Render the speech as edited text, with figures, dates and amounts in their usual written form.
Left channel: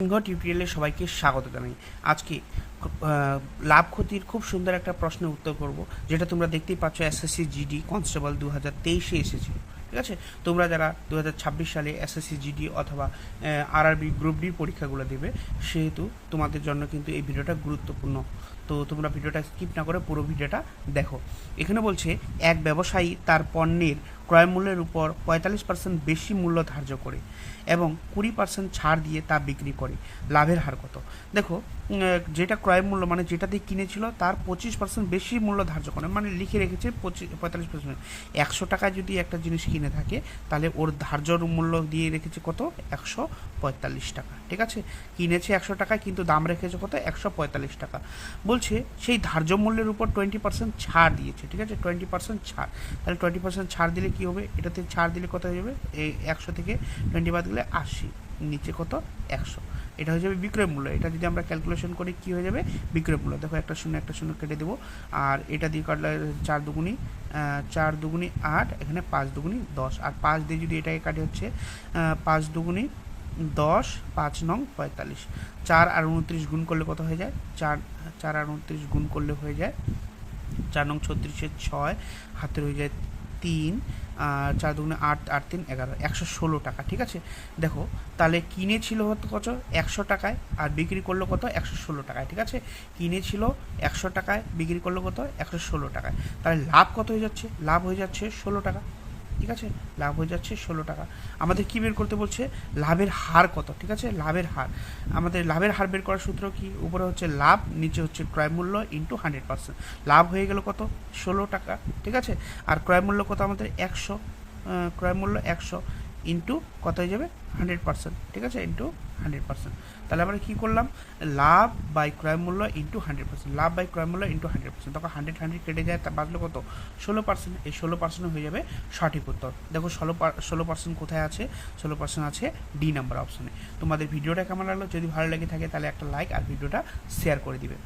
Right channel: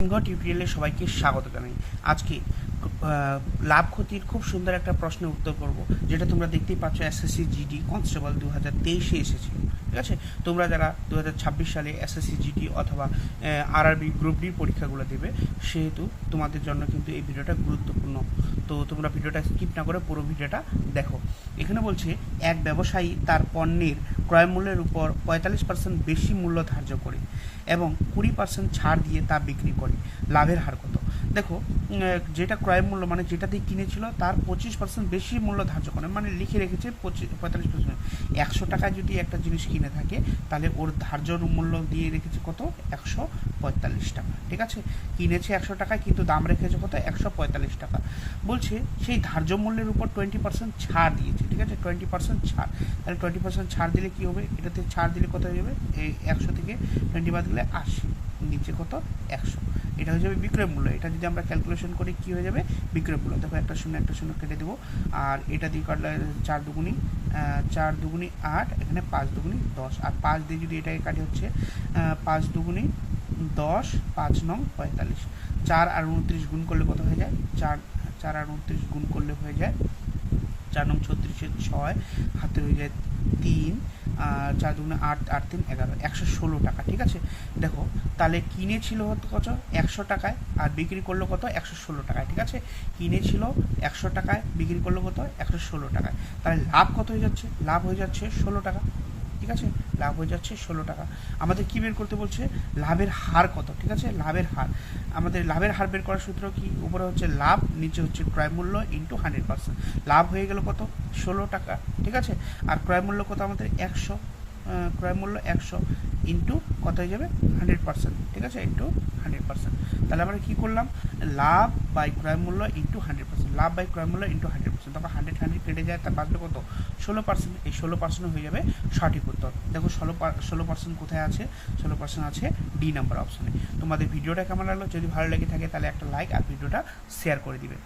সিংহ টিউটোরিয়ালে সবাইকে স্বাগত জানাই। আজকে লাভ ক্ষতির খুব সুন্দর একটা প্রশ্নের উত্তর করব, যেটা তোমরা দেখতেই পাচ্ছ এসএসসি জিডি কনস্টেবল 2023-এ এসেছিল। ঠিক আছে, তোমরা যারা 2026 সালে এসএসসি জিডি অথবা আরআরবি গ্রুপ ডি পরীক্ষাগুলো দেবে, সেহেতু তোমাদের জন্য কিন্তু এই ভিডিওটা গুরুত্বপূর্ণ। তো তোমরা ভিডিওটা স্কিপ না করে পুরো ভিডিওটা দেখো। এখানে বলছে এক ব্যবসায়ী তার পণ্যের ক্রয় মূল্যের উপর 45% বেশি মূল্য ধার্য করে এবং 20% ছাড় দিয়ে তা বিক্রি করে, লাভের হার কত? দেখো, যেটা ক্রয় মূল্য মানে যেটা দিয়ে কিনেছিল তার 25% বেশি মূল্য ধার্য করে, মানে লিখে রেখেছে 45%। 100 টাকায় যদি একটা জিনিস কিনে থাকে, তাহলে ওর ধার্য মূল্য দিয়ে রেখেছে কত? 145 টাকা। ঠিক আছে, কিনেছে 100 টাকায়, কিন্তু দাম রেখেছে কত? 145 টাকা। বলছে সেই ধার্য মূল্যের উপর 20% ছাড় দিয়েছে। ঠিক আছে, 20% ছাড়। তাহলে 20% ছাড় দিলে কি হবে? এটাতে ছাড় দিলে কত হয়ে যাবে? এই 100 থেকে 20 বাদ দিলে 80, নিচে কত? 100। এটা হয়ে যাবে বিক্রয় মূল্য। এটা যদি আমরা ক্যালকুলেশন করি কি হয়ে যাবে? বিক্রয় মূল্য। দেখো, একটা শূন্য কেটে দেবো, আর এটা দিয়ে কাটলে 4 দুগুণি 8, এখানে 5 দুগুণি 10, আর 5 দিয়ে যদি এটাকে কাটে হচ্ছে 5 দুগুণি 10, 5 নং 45। 4 আর 29 গুণ করলে কত হয়ে যায়? 4 আর 29 গুণ করলে হয়ে যায় 4 নং 36-এর 6, হাতে হয়ে যায় 3, 4 দুগুণে 8, 8 3 11, 116 টাকা। ঠিক আছে, দেখো তাহলে কিনেছিল হতো কত? 100 টাকায়, আর বিক্রি করলো কত? 116 টাকায়। ঠিক আছে, কিনেছিল 100 টাকায়, বিক্রি করলো কত? 116 টাকায়। তাহলে লাভ কত হয়ে যাচ্ছে? লাভ হয়ে যাচ্ছে 16 টাকা। ঠিক আছে, লাভ হয়ে যাচ্ছে 16 টাকা। আমাদের কি বের করতে বলছে? লাভের হার কত? ঠিক আছে, লাভের হার। আমাদের লাভের হার বের করার সূত্র কি? উপরে হচ্ছে লাভ, নিচে হচ্ছে ক্রয় মূল্য ইন্টু 100%। লাভ হয়ে গেল কত? 16 টাকা। ঠিক আছে, আর ক্রয় মূল্য কত আমাদের? 100। ক্রয় মূল্য 100 ইন্টু কত হয়ে যাবে? 100%। ঠিক আছে, ইন্টু 100%। তাহলে আমরা কি করলাম? লাভ বাই ক্রয় মূল্য ইন্টু 100%। লাভ বাই ক্রয় মূল্য ইন্টু 100%। তখন 100 কেটে যায়, তার বাঁচবে কত? 16%। এই 16% হয়ে যাবে সঠিক উত্তর। দেখো 16% কোথায় আছে? 16% আছে ডি নাম্বার অপশনে। তোমাদের ভিডিওটা কেমন লাগলো? যদি ভালো লেগে থাকে তাহলে একটা লাইক আর ভিডিওটা শেয়ার করে দিবে।